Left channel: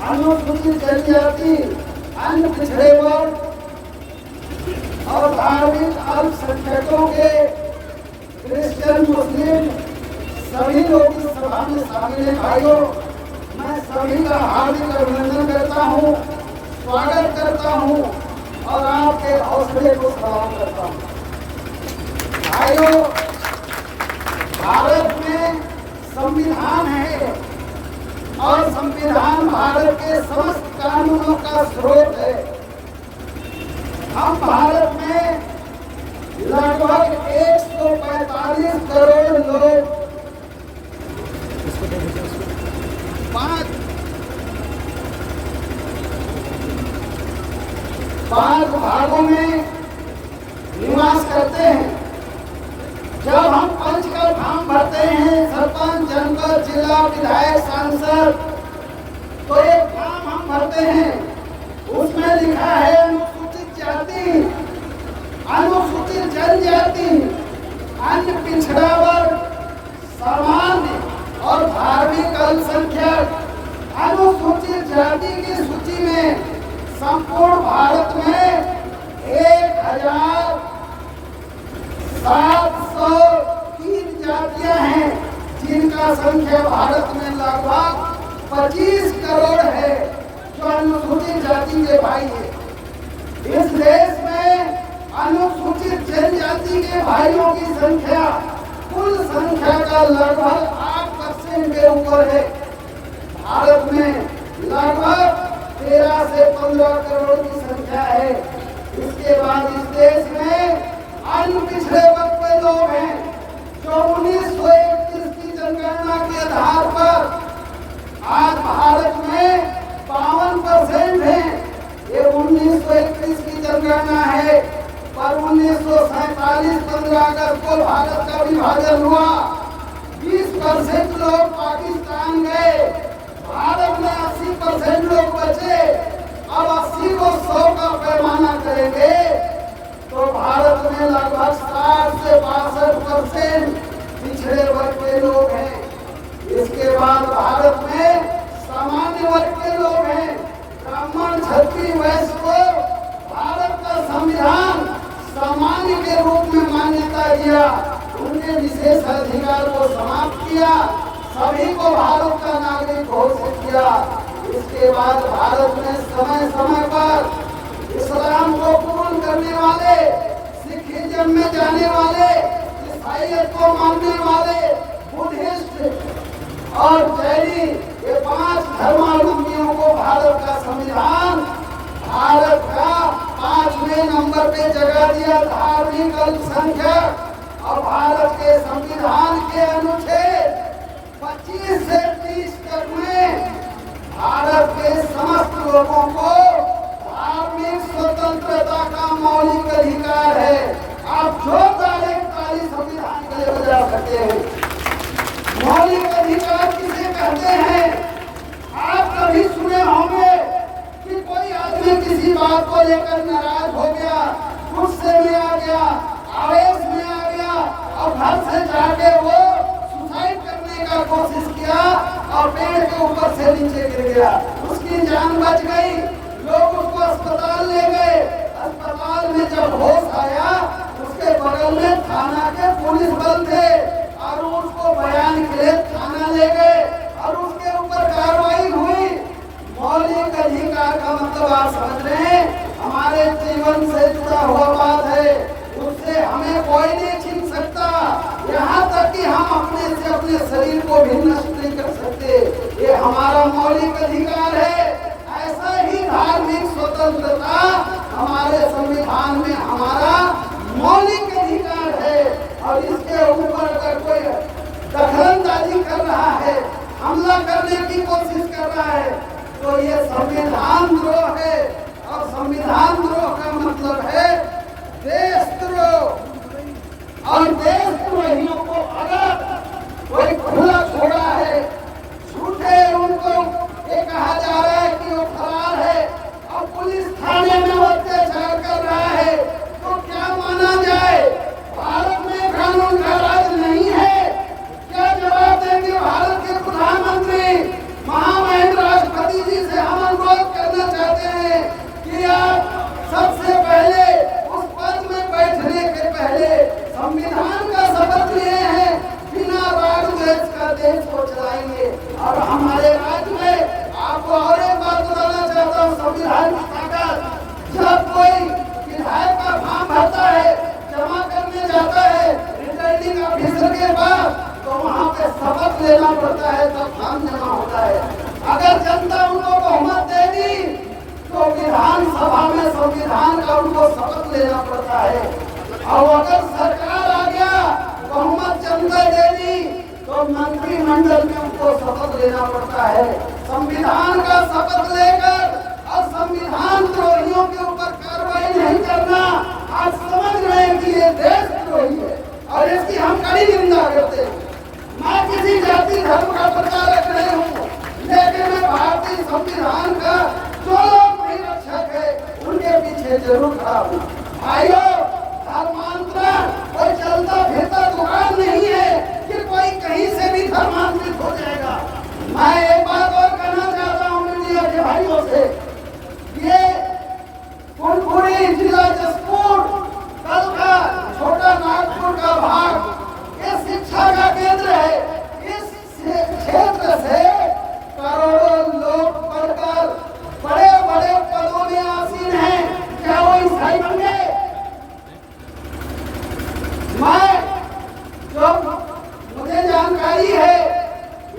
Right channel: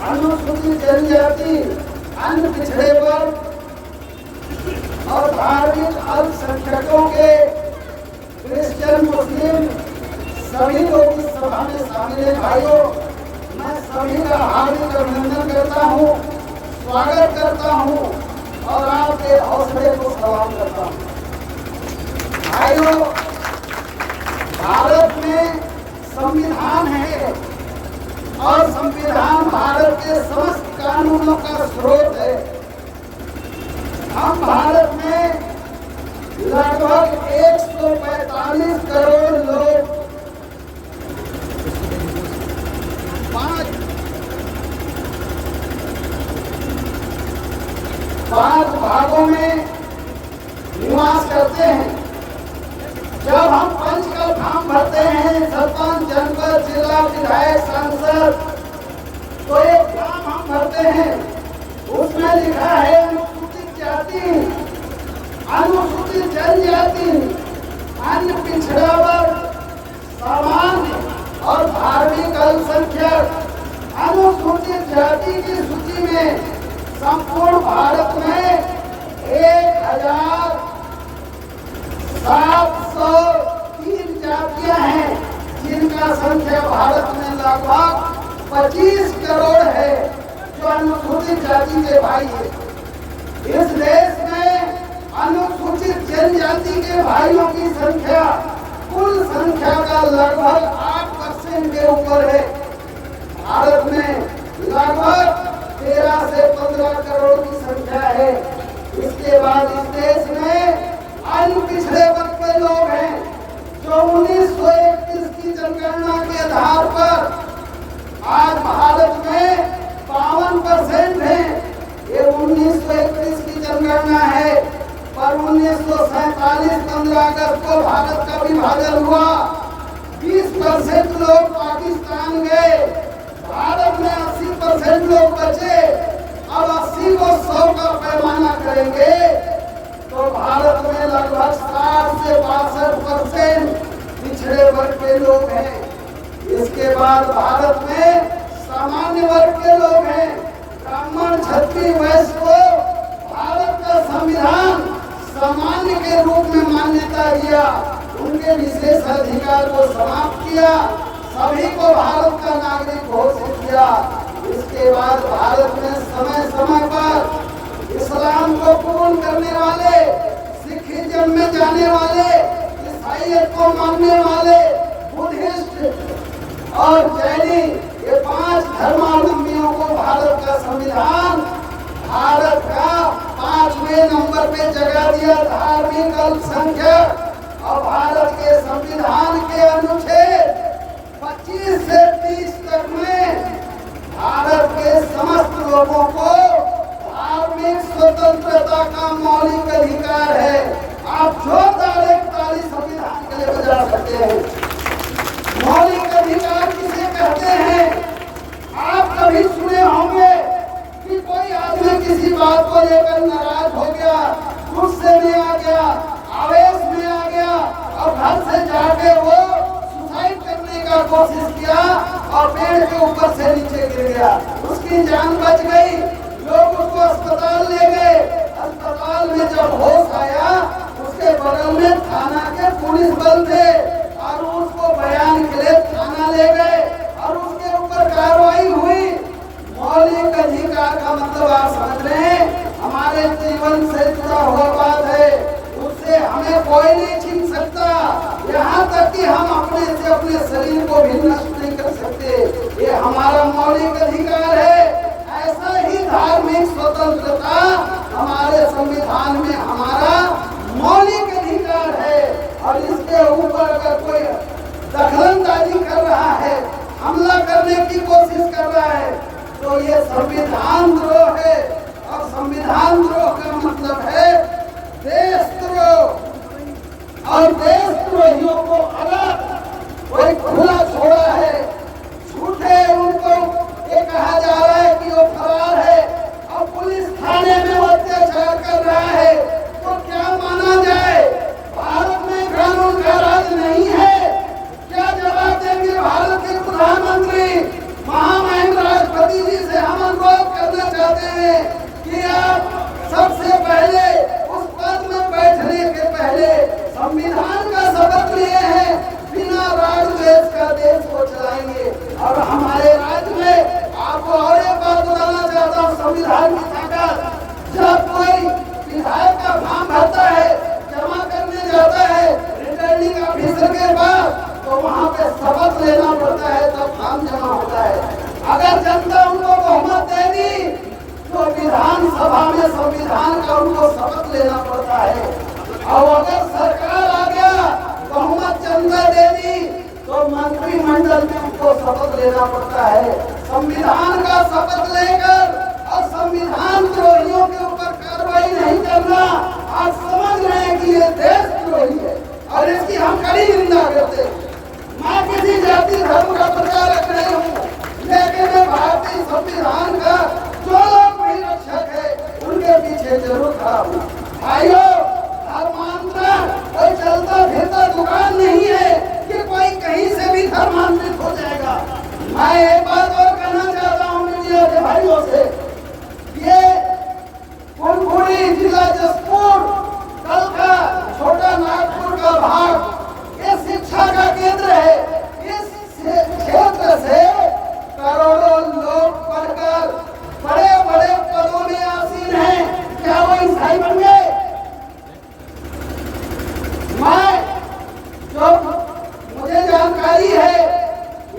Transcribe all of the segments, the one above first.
अनुसूचित जनजाति, अन्य पिछड़े वर्ग और धार्मिक अल्पसंख्यकों के क्रिश्चियन, मुस्लिम सभी लोग इस सभा में शामिल हैं। भाइयों, मैं सभी का हार्दिक अभिनंदन करता हूँ, स्वागत करता हूँ और आपके हौसले को सलाम करता हूँ। भाइयों, भारत में संविधान है और संविधान भारत के समस्त कानूनों का स्रोत है। हम भारत में लगभग 145 करोड़ लोग 5 भागों में निवास करते हैं। जब हम पंच का फॉर्म भरते हैं, सरपंच, जनपद, जिला, विधायक, सांसद, तो एक फॉर्म हम भरते हैं, उसमें लिखा है अनुसूचित जाति, अनुसूचित जनजाति, अन्य पिछड़ा वर्ग, सामान्य और धार्मिक अल्पसंख्यक। अनुसूचित जाति की सूची में संपूर्ण भारत में 1703 जातियां हैं, जिनका संख्या भारत में लगभग 25 करोड़ है, जो अनुसूचित जाति के भाई है। इस देश में अनुसूचित जनजाति के भाइयों की संख्या कुल संख्या का लगभग 8% के ऊपर है। भारत में लगभग 13 से 15 करोड़ की संख्या है। इसके बाद इस देश में अन्य पिछड़े वर्ग के लोग हैं, जो 1931 की जनगणना के आधार पर आज भारत में 52% है। ये 1931 की जनगणना है, पर 1947 15 अगस्त को भारत का विभाजन हुआ। 20% लोग पाकिस्तान गए, भारत में 80% लोग बचे। अब 80 को 100 का पैमाना करेंगे तो भारत में लगभग 60 से 62% पिछड़े वर्ग के लोग हैं। इसके बाद भारत में सामान्य वर्ग के लोग हैं। ब्राह्मण, क्षत्रिय, वैश्य को भारत का संविधान सामान्य के रूप में मान्यता दिया, उनके विशेष अधिकार को समाप्त किया, सभी को भारत का नागरिक घोषित किया। इसके बाद भारत में समय समय पर इस्लाम को कबूल करने वाले, सिखिज्म में जाने वाले, ईसाईयत को मानने वाले, बुद्धिस्ट और जैनी, ये 5 धर्मावलंबियों को भारत का संविधान भारत का 5वें नंबर पे जगह दिया। धार्मिक अल्पसंख्यक और भारत के संविधान के अनुच्छेद 25 से 30 तक में भारत के समस्त लोगों को धार्मिक स्वतंत्रता का मौलिक अधिकार है। आप जो ताली संविधान के लिए बजा सकते हैं। मौलिक अधिकार किसे कहते हैं? आप कभी सुने होंगे कि कोई आदमी किसी बात को लेकर नाराज हो गया, गुस्से में आ गया, आवेश में आ गया और घर से जाके वो सुसाइड करने का कोशिश किया और पेड़ के ऊपर से नीचे गिर गया, उसकी जान बच गई, लोग उसको अस्पताल ले गए। अस्पताल में जब होश आया, उसके बगल में थाना के पुलिस बल थे और उसको बयान के लिए थाना ले गए और उसके ऊपर कार्रवाई हुई। मौलिक अधिकार का मतलब आप समझ रहे हैं, हमारे जीवन से जुड़ा हुआ बात है, उससे हमें कोई नहीं छीन सकता। यहाँ तक कि हम अपने से अपने शरीर को भी नष्ट नहीं कर सकते, ये हमारा मौलिक अधिकार है। ऐसा ही धार्मिक स्वतंत्रता हमारे संविधान में हमारा मौलिक अधिकार है। और इसके ऊपर अगर कोई दखलंदाजी कर रहा है, हमला करने की कोशिश कर रहा है, तो ये संविधान द्रोह है। और संविधान द्रोह का मतलब है देशद्रोह। और देशद्रोहियों को अलग कोई खुला छोड़ा है, झूठे उनको ये कहा जा रहा है कि वो फरार है और पुलिस थाने में वो अत्याचार कर रहा है, तो क्या माना जाए? भारत में कानून का राज नहीं है। क्या जवाब देंगे भारत के प्रधानमंत्री, महामहिम राष्ट्रपति जी से हम शपथ लेना पड़ता है, तब फॉर्म जमा होता है। अगर जनता उनको बहुमत दे दी तो विधानसभा में संविधान का उनको शपथ लेना पड़ता है। और अगर सरकार आ गया, बहुमत जनता दे दी, तो मंत्रिमंडल में उनको शपथ लेना पड़ता है। संविधान का शपथ लेकर और संविधान द्रोहियों के ऊपर कार्रवाई नहीं करना, आज समझ रहे हैं कि ये देशद्रोही है और इसकी हम कड़ी निंदा करते हैं। मैं किसी जाति धर्म का प्रचारक नहीं हूँ, लेकिन मैं भारतीय संविधान का जो लोग भी रक्षक है उनके पीछे जरूर खड़ा हूँ। भाइयों, धर्मांतरण कोई चलता फिरता दुकान नहीं है कि कोई कहीं से भी धर्मांतरित हो जाएगा। मैं एक बात और कहना चाहता हूँ मीडिया के भाइयों से, ये कुनकुरी जिला जसपुर, कल का छोटा नागपुर का भाग, ये शिक्षा का केंद्र है। इस क्षेत्र से करोड़ों लोग पढ़कर बड़े बड़े पदों में आसीन हैं। क्या वो ईसाई बन गए? मुझे जानकारी है,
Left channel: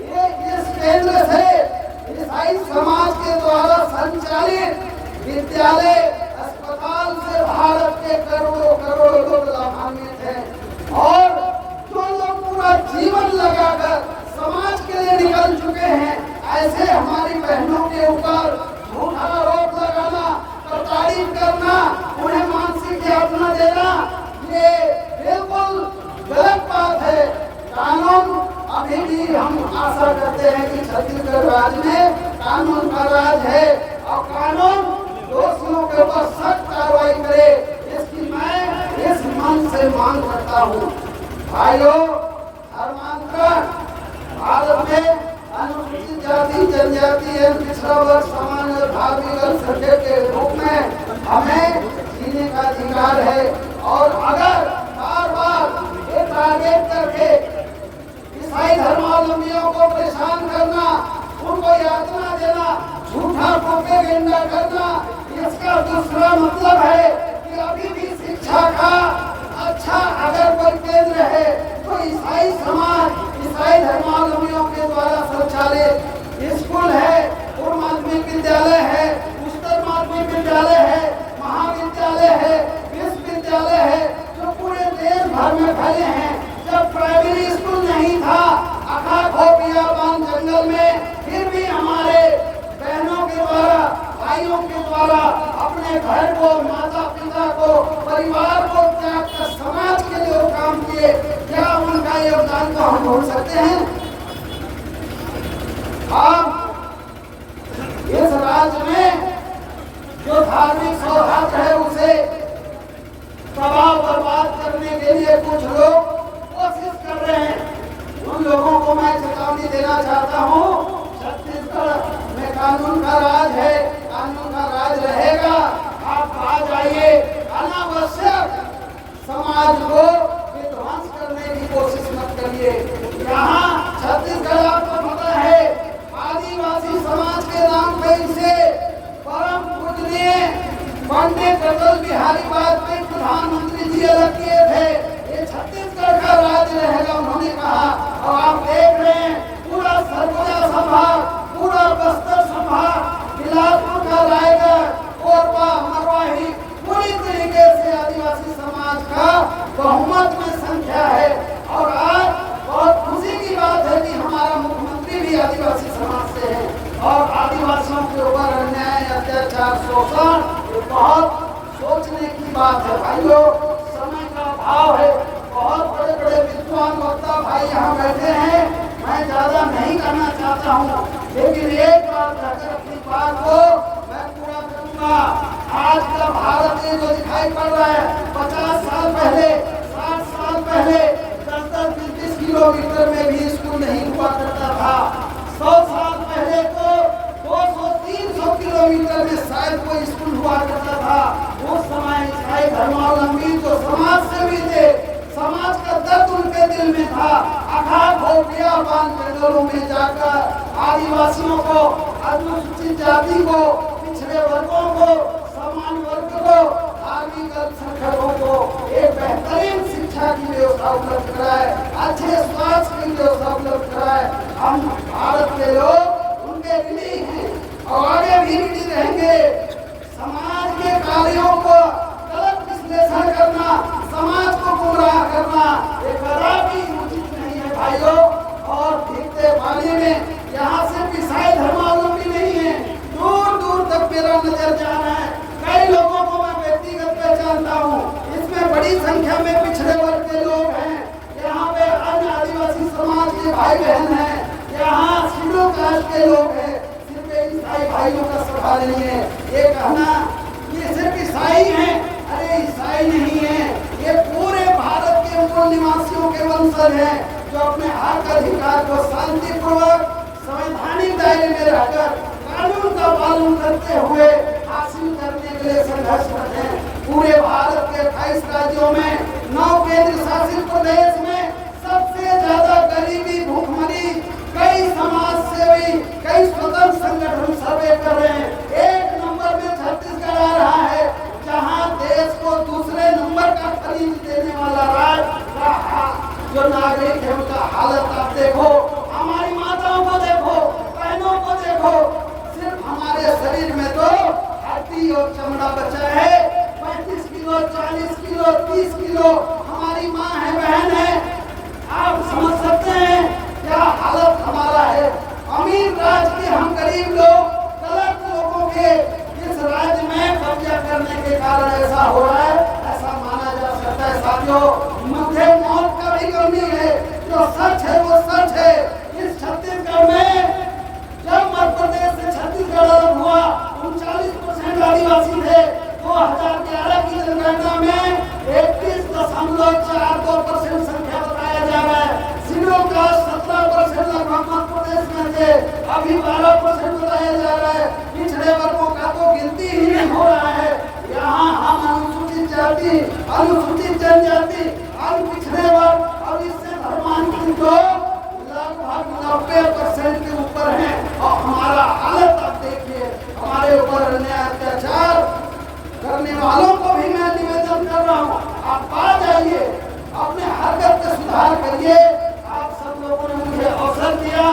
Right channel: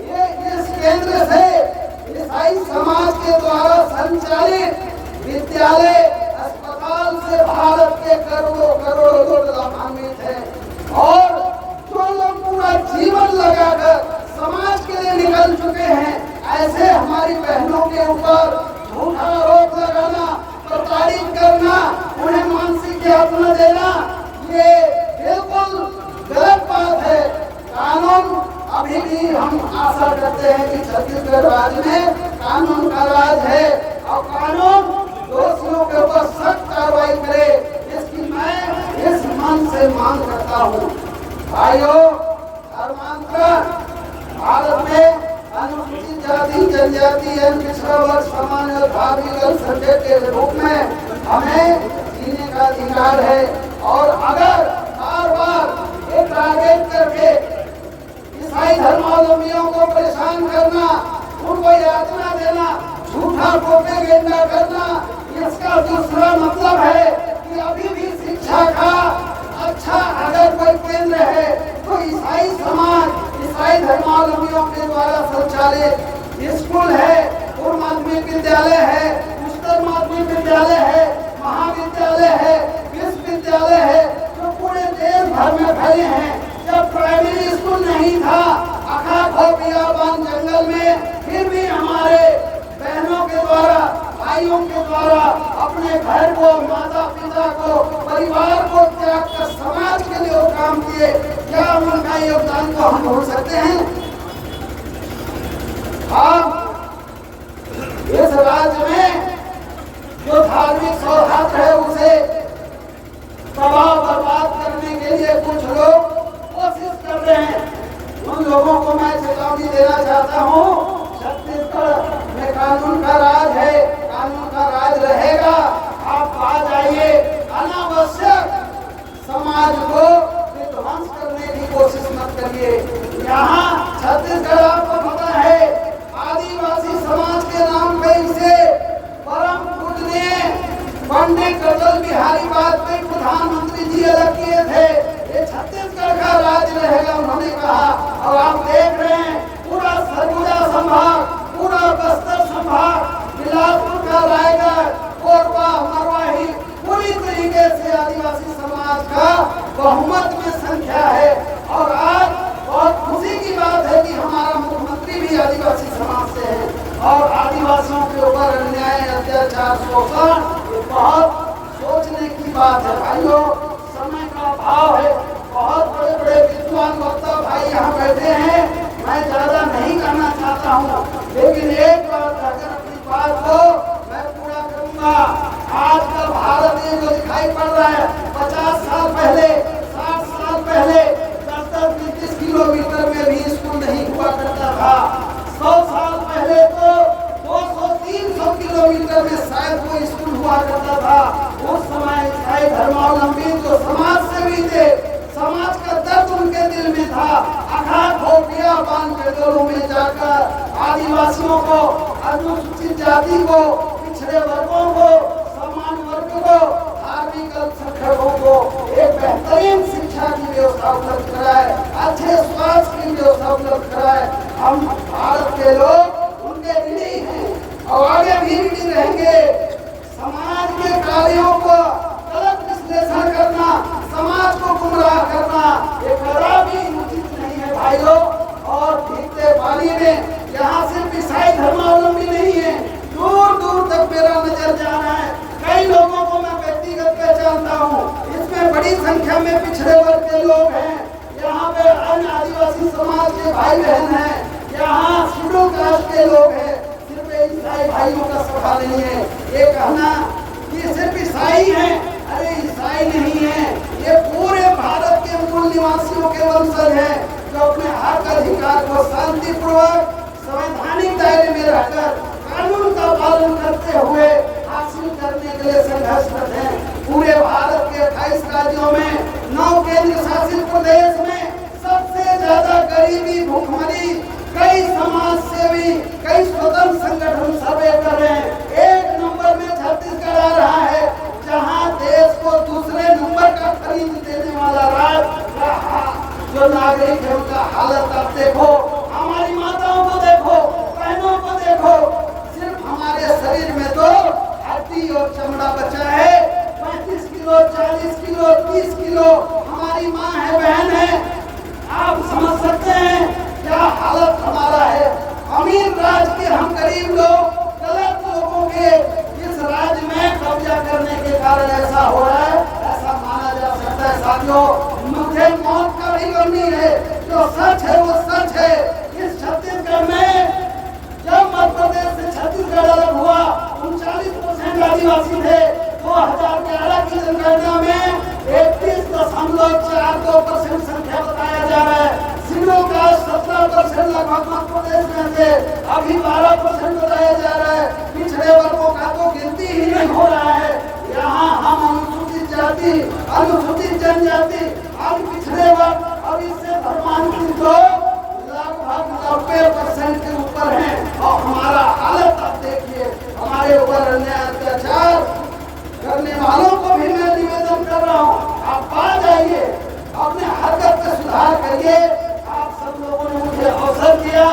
ये इस केंद्र से ईसाई समाज के द्वारा संचालित विद्यालय, अस्पताल से भारत के करोड़ों करोड़ों लोग लाभान्वित हैं। और जो लोग पूरा जीवन लगाकर समाज के लिए निकल चुके हैं, ऐसे हमारी बहनों के ऊपर झूठा आरोप लगाना, प्रताड़ित करना, उन्हें मानसिक यातना देना, ये बिल्कुल गलत बात है। कानून अभी भी हम आशा करते हैं कि छत्तीसगढ़ राज्य में कानून का राज है और कानून दोषियों के ऊपर सख्त कार्रवाई करे, इसकी मैं इस मन से मांग करता हूँ। भाइयों, धर्मांतरण भारत में अनुसूचित जाति, जनजाति एवं पिछड़ा वर्ग, सामान्य और धार्मिक अल्पसंख्यक के रूप में हमें जीने का अधिकार है। और अगर बार बार एक टारगेट करके ईसाई धर्मावलंबियों को परेशान करना, उनको यातना देना, झूठा प्रोपेगेंडा करना, इसका दूसरा मतलब है कि अभी भी शिक्षा का अच्छा अगर कोई केंद्र है तो ईसाई समाज, ईसाई धर्मावलंबियों के द्वारा संचालित स्कूल है, पूर्व माध्यमिक विद्यालय है, उच्चतर माध्यमिक विद्यालय है, महाविद्यालय है, विश्वविद्यालय है, जो पूरे देश भर में फैले हैं। जब प्राइमरी स्कूल नहीं था, अखाखो बियाबान जंगल में, फिर भी हमारे बहनों के द्वारा, भाइयों के द्वारा अपने घर को, माता पिता को, परिवार को त्याग कर समाज के लिए वो काम किए। क्या उनका योगदान को हम भूल सकते हैं? हम इस राज्य में जो धार्मिक सौहार्द है उसे तबाह बर्बाद करने के लिए कुछ लोग कोशिश कर रहे हैं। उन लोगों को मैं चेतावनी देना चाहता हूँ, छत्तीसगढ़ में कानून का राज है, कानून का राज रहेगा। आप आ जाइए, अनावश्यक समाज को विध्वंस करने की कोशिश मत करिए। यहाँ छत्तीसगढ़ आपको पता है, आदिवासी समाज के नाम पे इसे परम पूजनीय पंडित अटल बिहारी वाजपेयी प्रधानमंत्री जी अलग किए थे। ये छत्तीसगढ़ का राज्य रहेगा, उन्होंने कहा। और आप देख रहे हैं पूरा सरगुजा संभाग, पूरा बस्तर संभाग, बिलासपुर का रायगढ़, कोरबा, मरवाही, पूरी तरीके से आदिवासी समाज का बहुमत में संख्या है। और आज बहुत खुशी की बात है कि हमारा मुख्यमंत्री भी आदिवासी समाज से है। और आदिवासियों के ऊपर अन्याय, अत्याचार, शोषण, ये बहुत सोचने की बात है। भाइयों, समय का अभाव है, बहुत बड़े बड़े विद्वान वक्ता भाई यहाँ बैठे हैं, मैं ज्यादा नहीं कहना चाहता हूँ, लेकिन एक बात कहकर अपनी बात को मैं पूरा करूंगा। आज का भारत ये जो दिखाई पड़ रहा है, 50 साल पहले, 60 साल पहले 10-10, 20-20 किलोमीटर में भी स्कूल नहीं हुआ करता था। 100 साल पहले तो 200-300 किलोमीटर में शायद कोई स्कूल हुआ करता था। उस समय ईसाई धर्मावलंबी जो समाज से भी थे, समाज का दर्द उनके दिल में था। अखाखो बियाबान जंगलों में जाकर आदिवासियों को, अनुसूचित जाति को, पिछड़े वर्गों को, सामान्य वर्ग को, धार्मिक अल्पसंख्यकों को एक बेहतरीन शिक्षा की व्यवस्था उपलब्ध कराए, अच्छे स्वास्थ्य की व्यवस्था उपलब्ध कराए। हम भारत के लोग उनके ऋणी हैं और आगे भी ऋणी रहेंगे। समाज के कार्यों को गलत विश्लेषण करना, समाज को गुमराह करना, ये कदापि उचित नहीं है भाइयों। और भीगते पानी में यहाँ सिर्फ ईसाई धर्मावलंबी नहीं है, दूर दूर तक मेरा नजर जा रहा है। कई लोगों को मैं व्यक्तिगत पहचानता हूँ, इसमें बड़ी संख्या में पिछड़े वर्ग के लोग हैं, यहाँ पे अन्य आदिवासी समाज के भाई बहन हैं, यहाँ शेड्यूल कास्ट के लोग हैं। सिर्फ ईसाई भाइयों का सभा नहीं है। ये कहना कि सिर्फ ईसाई हैं, अरे ईसाई नहीं है, ये पूरे भारत के मूल निवासियों के वंशज हैं, जो अपने हक अधिकार को शांतिपूर्वक संवैधानिक दायरे में रहकर कानून का पालन करते हुए हासिल करने के लिए संघर्षरत हैं। पूरे भारत के 28 राज्यों में 9 केंद्र शासित प्रदेश में सबसे ज्यादा गरीबी, भूखमरी, कई समाज सेवी, कई स्वतंत्र संगठन सर्वे कर रहे हैं। एक नंबर में छत्तीसगढ़ आ रहा है, जहां देश को दूसरे नंबर का खरीद देने वाला राज्य का जो नागरिक है उनका हालत आप देखो। हमारी माताओं को देखो, बहनों को देखो, सिर्फ हमारे शरीर में तो हड्डी और चमड़ा बचा है। 35 किलो, 40 किलो, 30 किलो हमारी माँ है, बहन है। आप समझ सकते हैं क्या हालत हमारा है। अमीर राज्य के हम गरीब लोग, गलत लोगों के इस राज्य में कब्जा करने के कारण ऐसा हो रहा है, ऐसा माना जा सकता है। साथियों, मुझे मौत का भी गमी है, जो सच है वो सच है। इस छत्तीसगढ़ में जब मध्य प्रदेश से छत्तीसगढ़ अलग हुआ, 39% आदिवासी थे। 2011 की जनगणना में 31.42% संख्या बताया जा रहा है। सिडों का 17% लगभग मध्य प्रदेश में थे, अभी 12% बताया जा रहा है। पिछड़े वर्गों का तो गिनती ही नहीं हो रहा है। यहाँ हम अनुसूचित जाति, अनुसूचित जनजाति, अन्य पिछड़े वर्ग और इससे धर्मांतरित लोग लगभग 90% के ऊपर है। और हमारा हालत आप देखिए, हमारे ऊपर अन्याय अत्याचार करने वालों को भी मैं निवेदन कर रहा हूँ, आप बाहर जाइए, अपने हरकत में सुधार करिए। आप सब लोगों ने मुझे अवसर दिया,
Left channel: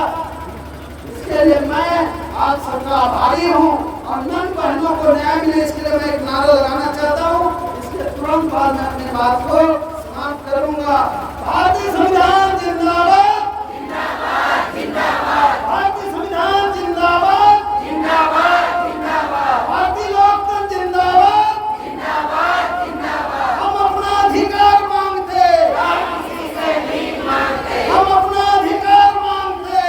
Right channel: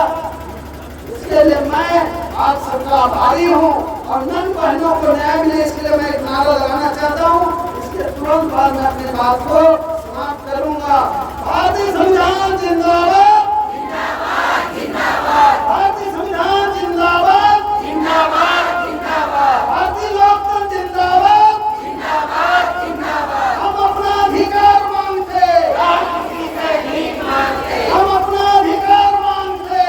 इसके लिए मैं आप सबका आभारी हूँ। और नन बहनों को न्याय मिले, इसके लिए मैं एक नारा लगाना चाहता हूँ। इसके तुरंत बाद मैं अपनी बात को समाप्त करूंगा। भारतीय संविधान जिंदाबाद, जिंदाबाद, जिंदाबाद। भारतीय संविधान जिंदाबाद, जिंदाबाद, जिंदाबाद। भारतीय लोकतंत्र जिंदाबाद, जिंदाबाद, जिंदाबाद। हम अपना अधिकार मांगते, किसी से भीख मांगते। हम अपना अधिकार मांगते,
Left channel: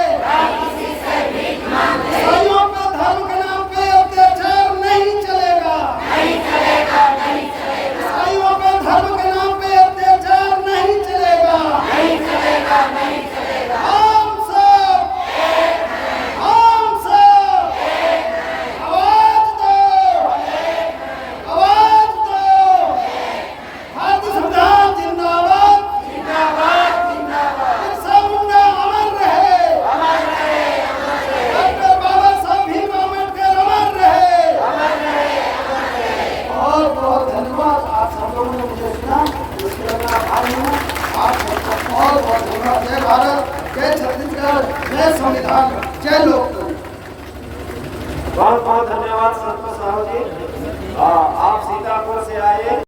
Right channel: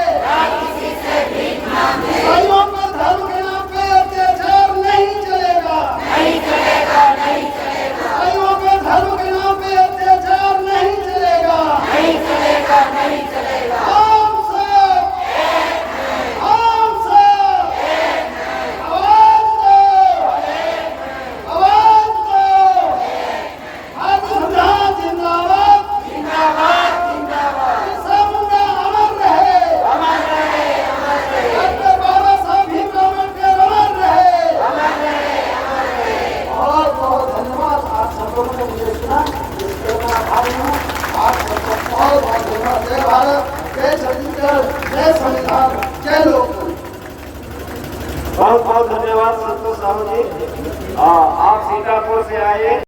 किसी से भीख मांगते। ईसाइयों का धर्म के नाम पे अत्याचार नहीं चलेगा, नहीं चलेगा, नहीं चलेगा। ईसाइयों के धर्म के नाम पे अत्याचार नहीं चलेगा, नहीं चलेगा, नहीं चलेगा। हम सब एक हैं, हम सब एक हैं। आवाज दो, आवाज दो। भारतीय संविधान जिंदाबाद, जिंदाबाद, जिंदाबाद। बिरसा मुंडा अमर रहे, अमर रहे, अमर रहे। डॉक्टर बाबा साहब भीमराव अम्बेडकर अमर रहे, अमर रहे, अमर रहे। बहुत बहुत धन्यवाद आप सब लोगों ने मुझे सुना, उसके लिए आभारी हूँ। आप सबको बहुत बहुत धन्यवाद। जय भारत, जय छत्तीसगढ़, जय संविधान, जय लोकतंत्र। बहुत बहुत धन्यवाद संतोष साहू जी। आप सीतापुर से आए।